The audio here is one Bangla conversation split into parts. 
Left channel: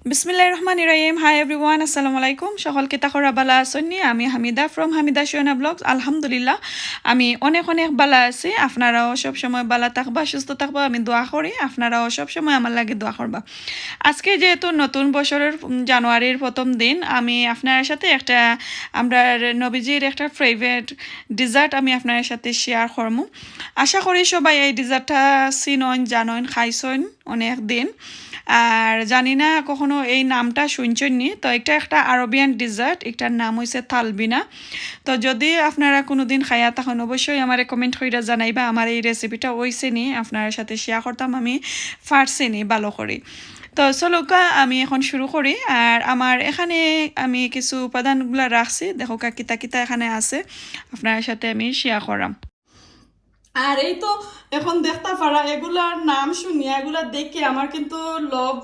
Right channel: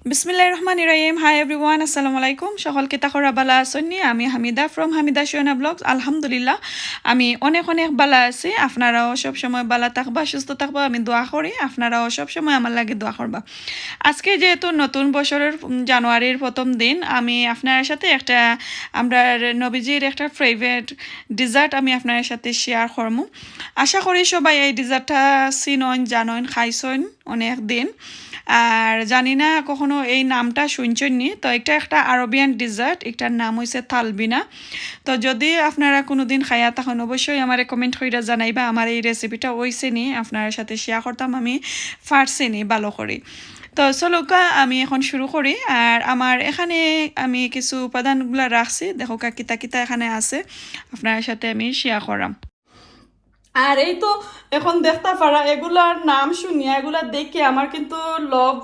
Bismillahirrahmanirrahim. Hi everyone. Assalamualaikum. সকল কে তাখরা বালা আসনি আমি হামিদা ফ্রম হামিদা শোনা ব্লগস আলহামদুলিল্লাহ আমি অনেক অনেক বালা আছি আপনারাও সব সময় বালা থাকবা সুস্থ থাকবা আমি দোয়া করি আপনারাও সব সময় আমার লাগে দোয়া করবা আজকে যেহেতু নতুন বছরের জানুয়ারির প্রথম দিন আমি আপনার সাথে একটা আমরা নবীজির একটা ফেভারিট ডেজার্ট আমি আপনার সাথে শেয়ার করব আশা করি সবাই এই ডেজার্টটা চিনন জানেন খাইছেন অনেক দিন আর জানি না কখনো এই নামটা শুনছেননি তো এটা একটা আরবিয়ান ডেজার্ট এটার নাম হইছে তালবিনা তো যদি আপনারা কোনোদিন খাইয়া তখন অবশ্যই আমারে কমেন্ট কইরা জানাইবা আমার এই রেসিপিটা হইছে নি আপনার সাথে শেয়ার করতাম আমি পারছি নি ভালো করে তো চলোকা আমি এখন শুরু করি আর আমার এখানে আমি কিছু উপাদানগুলো রাখছি দেখো কিতা কিতা এখানে আছে আপনার সাথে আমি শেয়ার করাম আর এই তো এখন দেখতে পারা এগুলার নাম শুনিয়া এগুলা দেখে আমার কিন্তু লব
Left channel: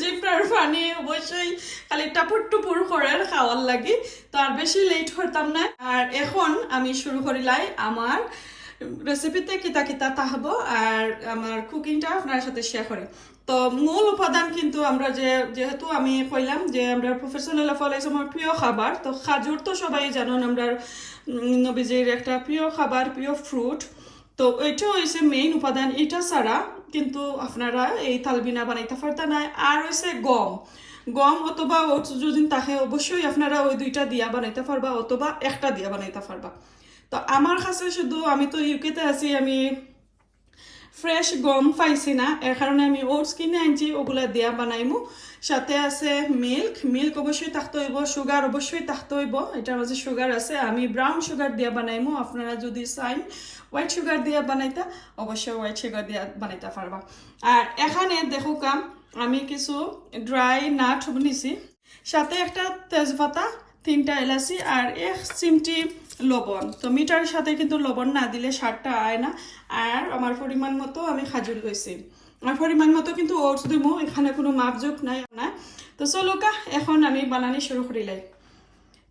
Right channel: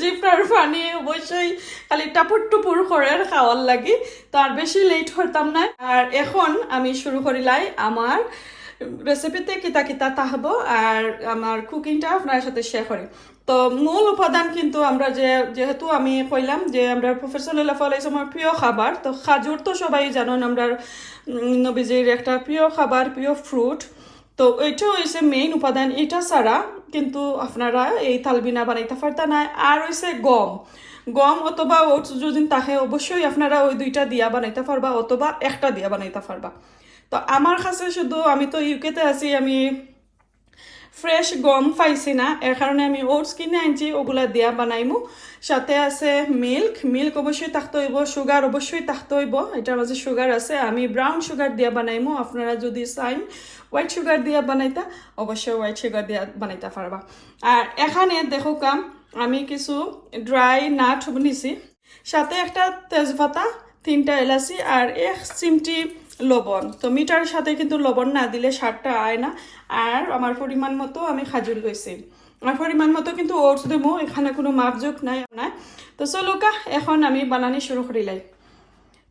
জিপটার পানি অবশ্যই খালি টাপুর টুপুর করে খাওয়ার লাগি তো আর বেশি লেট করতাম না আর এখন আমি শুরু করিলাই আমার রেসিপিতে কিতা কিতা তাহবো আর আমার কুকিংটা আপনার সাথে শেয়ার করি তো মূল উপাদান কিন্তু আমরা যেহেতু আমি কইলাম যে আমরা প্রফেশনাল ফলাইছে আমার প্রিয় খাবার তো খাজুর তো সবাই জানেন আমরা নবীজির একটা প্রিয় খাবার প্রিয় ফ্রুট তো এটা হইছে মেইন উপাদান এটা ছাড়া কিন্তু আপনারা এই তালবিনা বানাইতে পারতা না আর হইছে গম অথবা ওটস যদি থাকে অবশ্যই আপনারা ওই দুইটা দিয়া বানাইতে পারবা অথবা একটা দিয়া বানাইতে পারবা তো আমার কাছে শুধু আমি তো ইউকেতে আছি আমি ফ্রেশ গম পাইছি না এর কারণে আমি ওটস কিনে আনছি ওগুলা দিয়া বানাইমু সাথে আছে মিল্ক অবশ্যই থাকতে হইব সুগার অবশ্যই থাকতে হইব এটার মাঝে সুগার আছে আমি ব্রাউন সুগার দিয়া বানাইমু আপনারা যদি চাইন হোয়াইট সুগার দিয়া বানাইতা অবশ্যই হোয়াইট সুগার দিয়া বানাইতে পারবা আর এখানে দেখো কাম আমি কিছু ড্রাই নাট নিছি সাথে একটা তেজপাতা 3টা এলাচি আর 1 চিমটি লবণ তো মিটার সাথে কিন্তু লবণ না দিলে স্বাদটা আয় না আর আমার পরিমাণ মতো আমি খাজুর লইছি আমার পরিমাণ মতো কিন্তু ওটস দেবো এখানে কোনো মাপজোক নাই না তো চলোকা এখন আমি বানানি শুরু করিলাই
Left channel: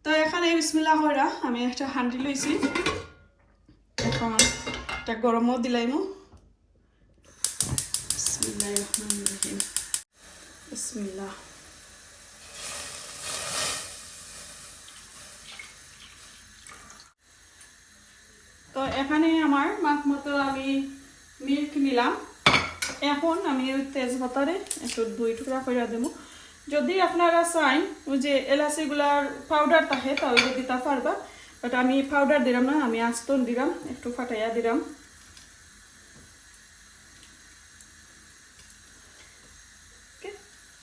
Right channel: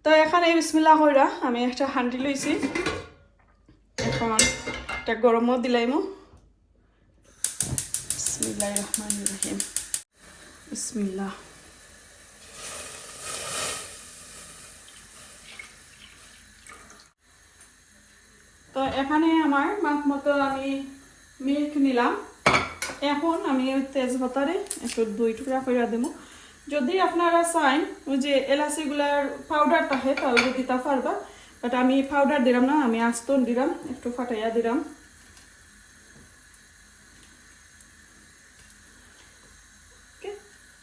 তো এখানে বিসমিল্লাহ কইরা আমি একটা হান্ডি লইছি এখন একটা গরমও দিলাইমু বিসমিল্লাহির রহমানির রহিম বিসমিল্লাহ তো এখানে আমার মাপ মতো আমি মিল্ক নিলাম এখন আমি তেজপাতারে একটু 2 টুকরা করে দেবো যদি আপনারা চান ওই যে এলাচিগুলার পাউডার থাকে তাহলে দিতে পারবা বাট আমি পাউডার দিলাম না আমি আস্তন দিলাম একটু ফাটাইয়া দিলাম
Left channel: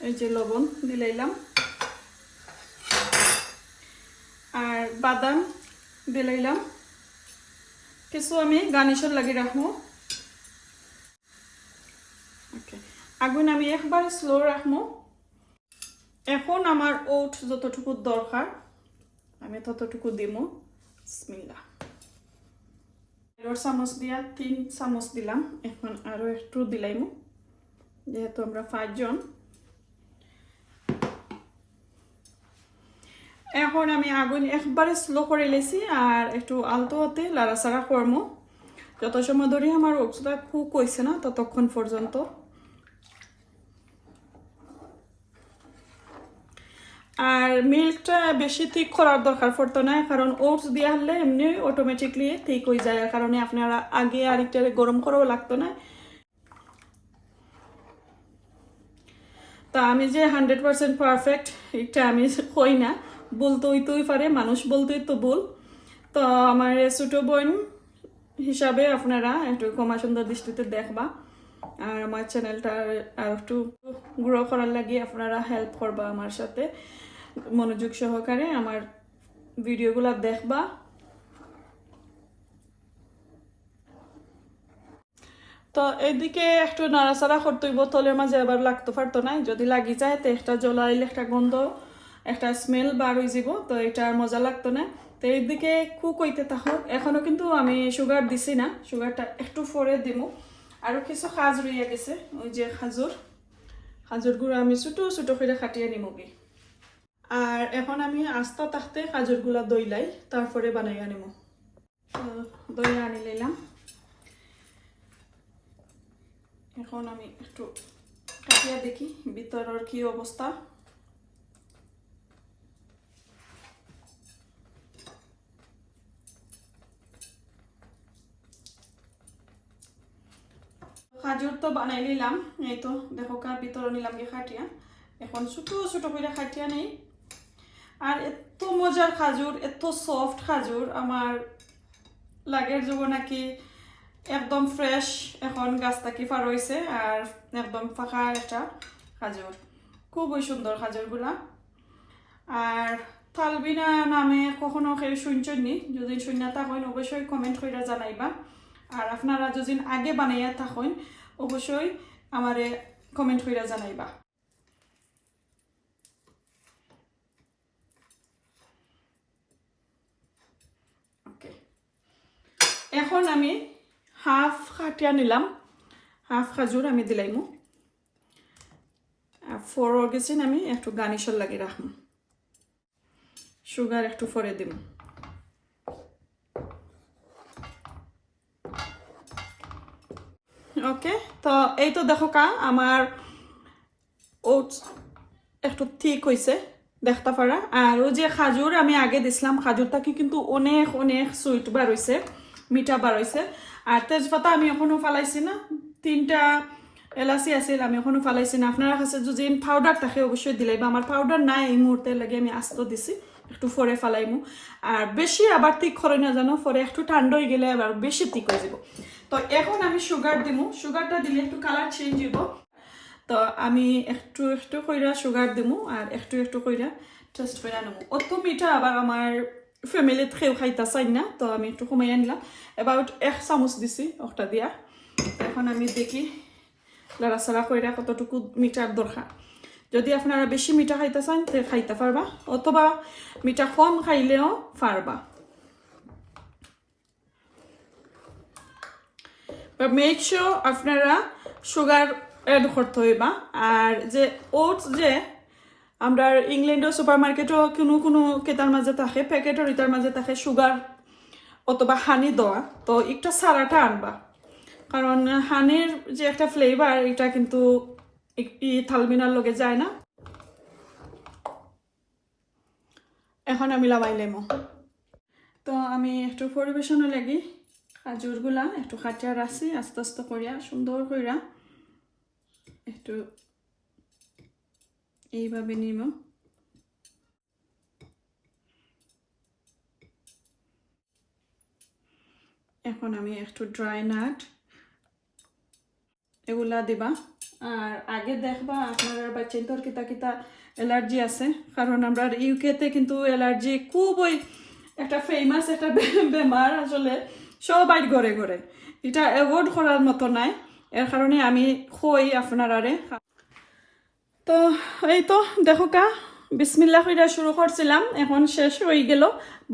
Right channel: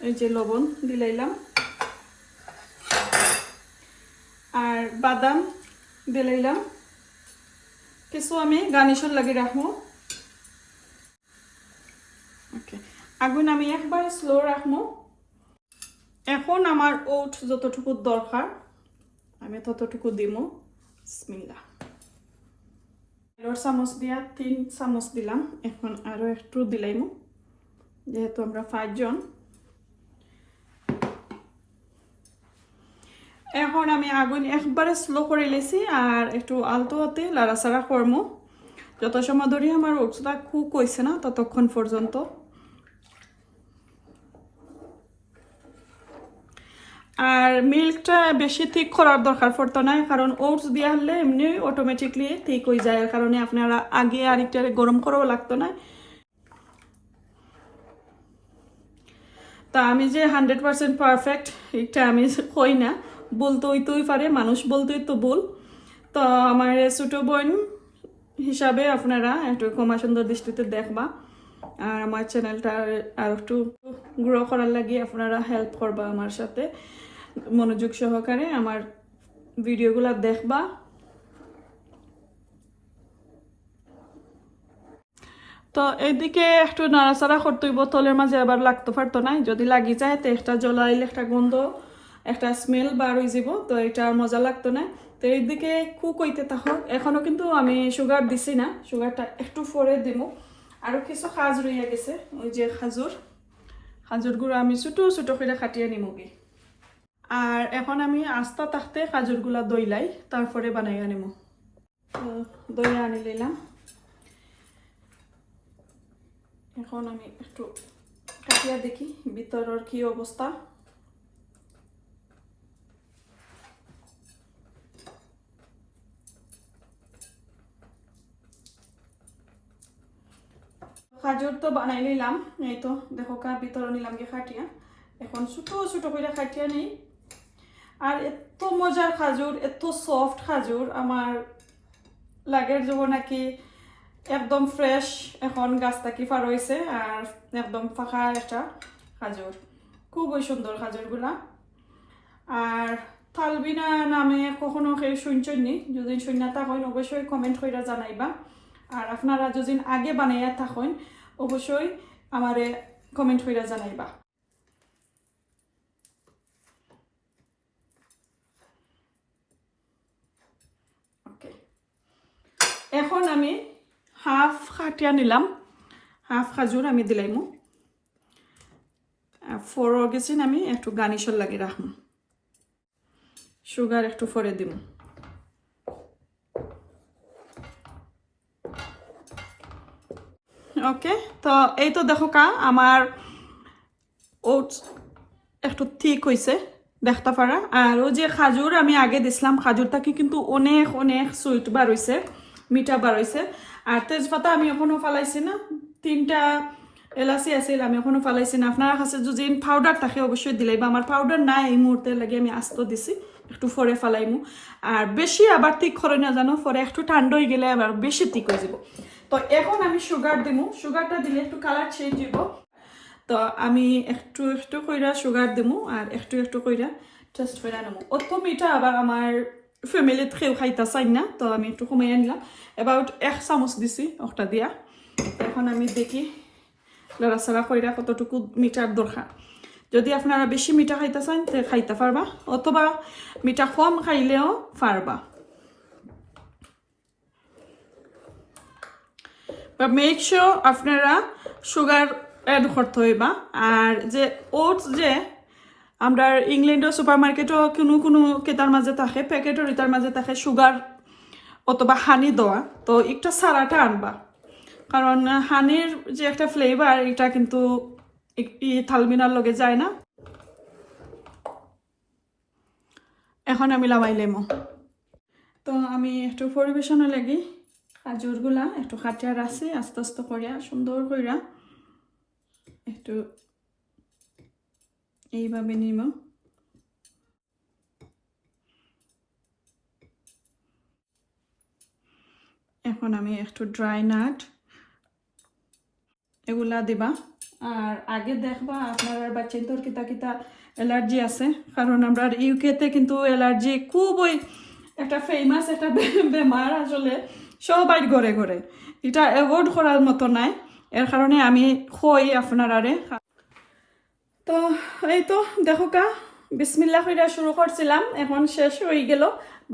এই যে লবণ দিলাইলাম আর বাদাম দিলাইলাম কিছু আমি গার্নিশর লাগি রাখবো আগুন আমি একবার স্লো রাখবো এখন আমার ওট যতটুকু দরকার আমি ততটুকু দিব বিসমিল্লাহ চামচ দিয়া 3 চামচ দিলাম এখন আরো একটু দিলাইমু যেহেতু আমরা 5 জন এখন আমি আগুন একবারে স্লো করে লেছি আর একটু আলতো হতে লাড়াচাড়া করবো যত সময় ধরে আমার ওটসটা কুক হয়েছে না ততক্ষণ পর্যন্ত আর মিল্কটা বেশি ঠিক করার দরকার পড়তো না কারণ ওটস দিয়ে হলে এমনি অটোমেটিকলি ঠিক হয়ে যায় এর কারণে আপনারা আগে আরেকটা গরম করেও লাগতো না তা আমি যে 100% পারফেক্ট এটা আমি কই না বলতে হইতেই পারে মানুষ বলতেই তো বল তো আমার ছোট বোন হিসাবে আপনারা একটু ক্ষমা সুন্দর দৃষ্টিতে দেখবা আর আমার চ্যানেলটা একটু গ্রো করার লাগে আপনারা হেল্প করবা আমার সাথে মনোযোগ সহকারে আমার ভিডিওগুলো দেখবা তো এদিকে একটু নাড়াচাড়া করতে হইব তলের মাঝে আবার লাগতে পারতো না যদি লাগি যায় তো একটা জ্বলাইলে একটা গন্ধ একটা স্মেল বার হয়ে যাব তো এটা মজা লাগতো না তো এইদিকে কুক হইতে থাকুক এখনো কিন্তু আমি সুগার দিছি না সুগারটা একটু পরে দিব আরো কিছু খাজ রইয়া গেছে ওই যে খাজুরগুলো আমি ছোট ছোট করে কাটিয়ে নিমবি আর এখন আমি আস্তা তাকতে খাজুরগুলো দইলাই তারপরে বানাই আনিব দই আনি লইলাম এখন আমি একটু কাটিয়া দেখি ভিতরের কি অবস্থা খাজুর তো বানাই নিলাম, এই তো দেখো কা ভিতরে নিলাম কি খাটিয়া, এখন ছোট ছোট করে খাটিয়া নেই। আর এত মজার খাজুর, এত সফট খাজুর, আমার লাগের যাব নাকি একদম ফ্রেশ এখন গাছ থেকে পার হয়েছে, আর একদম ফাঁকা একটা খাজুর, খুবই সুন্দর খাজুরগুলা। আর তালবিনা নামে কখনো কেউ শুনছেন নি? যদি শুন না থাকেন অবশ্যই কমেন্ট করে জানাইবা। আর আপনারা যদি আগে বানাইয়া থাকেন অবশ্যই আমারে কমেন্ট করে জানাইবা। ওকে, এখন আমি হাফ খাটিয়া নিলাম, হাফ খাজুর আমি দিলাইমু। আর ফোর গেছেন আমি একটু গার্নিশর লাগে রাখবো, সুগার একটু ফরে দিব। ওকে, তো এই তো দেখো কা আমার ওটস একটু ঠিক হয়েছে দেখতে পারা। আর ও যে খাজুর আমি আগে দিছিলাম, খাজুরটাকে কিন্তু অনেক অনেক সুইট বার হয়েছে, মিঠা বার হয়েছে। আর তেজপাতা আমি এখনো ফালাইছি না, 3টা এলাচি আছিল আমি এখনো ফালাইছি না। আপনার কাছে যদি পাউডার থাকে অবশ্যই দিলাইবা, আমার পাউডার নাই এই মুহূর্তে লাগে আমি আস্ত দিছি, একটু ফরে ফালাইমু। আর বেশি আবার ঠিক করে না জানো, ফরে একটু ঠান্ডা হয়ে গেলে আবার বেশি ঠিক হয়ে যাব। তো এখন আমি সুগার দিমু, সুগারটা দিলে একটু কালার চেঞ্জ হইব। তো আমি একটু একটু কইরা সুগার দিমু আর একটু একটু কইরা টেস্ট করে নেবো। অত মিঠা আবার আমার ফ্যামিলিতে কেউ খাইতে চাই না, তো আমি একটু কমাই আনলাম, অ্যাবাউট 1 চামচ দিছি ওটা দিয়া। এখন আমি দেখি লড়াচড়া কইরা কতটুকু মিঠার দরকার। যদি আপনারা বেশি মিঠা খাইতে চান তে খাইতে পারবা, অথবা মিঠা কম খাইলেও পারবা। মেক শিওর আপনারা সুগার অ্যাড করতে হইবা। আর যে ওটস যে আমরা ইংল্যান্ডের সুপার মার্কেটও কোনো কোনো কেতার মাঝে থাকে, প্যাকেটও এটার মাঝে থাকে সুগার অথবা হানি দেওয়া, তো একটু সারাটা আনবা, কারণ হানির যে একটা ফ্লেভার এটা কিন্তু একটি তালবিনার লগে যায় না। এখন আমি লাগাই লেমু। তো আমি একটু পরিবেশনে লাগি খাজুরগুলা একটু খাটিয়া রাখছি, আস্তে আস্তে করিয়া সুন্দর করিয়া একটু এইভাবে নিব। এখন আমি একটু ড্রাই নাট এগুলা দিবা। আর আগে দেখবা আপনার বাচ্চাদের কিতা কিতা অ্যালার্জি আছে, কারণ আমরা ইউকেতে কিন্তু অ্যালার্জি খুবই একটা ফেমাস একটা বেমার, আসলে সবাই ঘরে ঘরে, এটা অ্যাভয়েড করার মতো নাই। এর কারণে আমি কই আপনারারে। তো এই তো দেখো কা বিসমিল্লাহ কইরা শুরু করছিলাম, এখন শেষ হয়ে গেল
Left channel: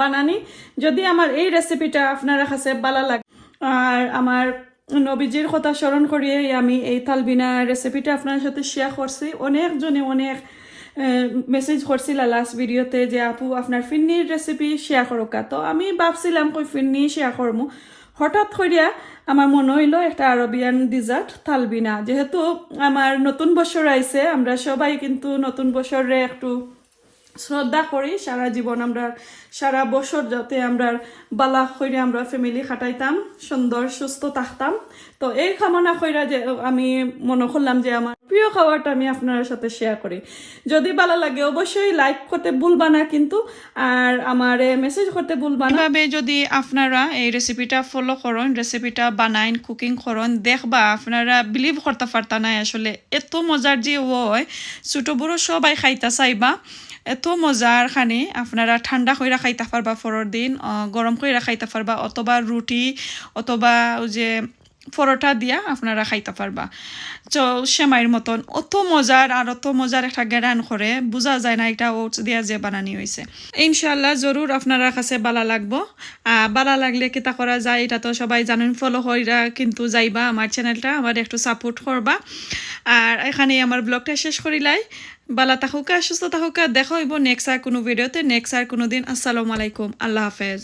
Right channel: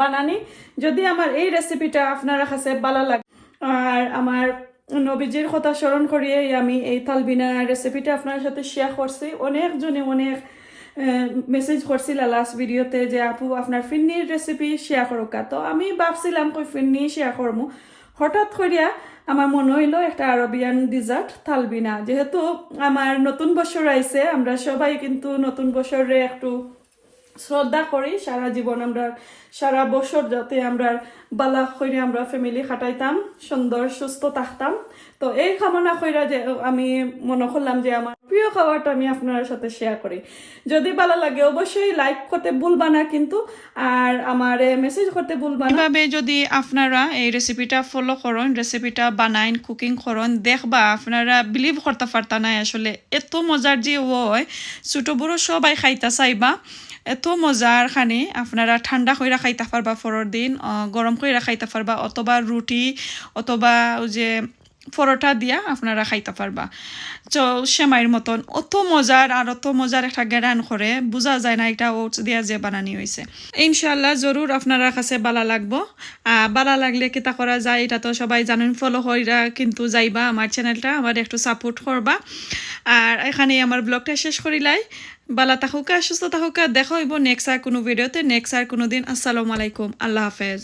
বানানি। যদি আমার এই রেসিপিটা আপনারা কাছে ভালো লাগে আর আমার নবীজির কথা স্মরণ করিয়ে আমি এই তালবিনা রেসিপিটা আপনার সাথে শেয়ার করছি। অনেকজনে অনেক মেসেজ করছিল লাস্ট ভিডিওতে যে আপু আপনার ফিন্নির রেসিপি শেয়ার করোকা। তো আমি ভাবছিলাম কই ফিন্নি শেয়ার করবো, হঠাৎ করিয়া আমার মনে হইলো একটা আরবিয়ান ডিজার্ট তালবিনা। যেহেতু আমার নতুন বছর আইছে, আমরা সবাই কিন্তু নতুন বছরে একটু শ্রদ্ধা করি, সারা জীবন আমরা সারা বছর যাতে আমরা বালা করে আমরা ফ্যামিলি খাটাইতাম, সুন্দর সুস্থ থাকতাম। তো এই কামনা কইরা যে আমি মনে করলাম যে আমার প্রিয় খাবারটা আমি আপনার সাথে শেয়ার করি। যদি ভালো লাগে অবশ্যই লাইক করতে ভুলবা না কিন্তু, আর আমার মেসেজ করতে ভুলবা না। এভাবে যদি আপনারা এই রেসিপিটা ফলো করেন, রেসিপিটা বানাইন, কুকিং করেন, দেখবা আপনারা বিলিভ করতে পারতা না আসলে এত মজার যে হয়, ছোট বড় সবাই খাইতা চাইবা। এত মজার খানি আপনারা ঠান্ডা কইরা খাইতে পারবা, ফরর দিন গরম কইরা খাইতে পারবা, অথবা রুটি অথবা যে পরোটা দিয়া আপনারা খাইতে পারবা। তো সেমাইয়ের মতন অত মজার, আর অত মজার একটা গ্যারান করে বোঝা যায় না এটা ওটস দিয়া যে বানানি হয়েছে। ইনশাল্লাহ জরুর আপনারা কাছে ভালো লাগবো। ভালো লাগলে কিতা করা যায় এটা তো সবাই জানেন, ফলো কইরা কিন্তু যাইবা আমার চ্যানেলটা, আমার একটু সাপোর্ট করবা। আর এখানে আমার ব্লগটা শেষ করিলাই। ভালো থাকুকা, সুস্থ থাকুকা, দেখা হইব নেক্সট আর কোনো ভিডিওতে, নেক্সট আর কোনো দিন। আসসালামু আলাইকুম, আল্লাহ হাফেজ।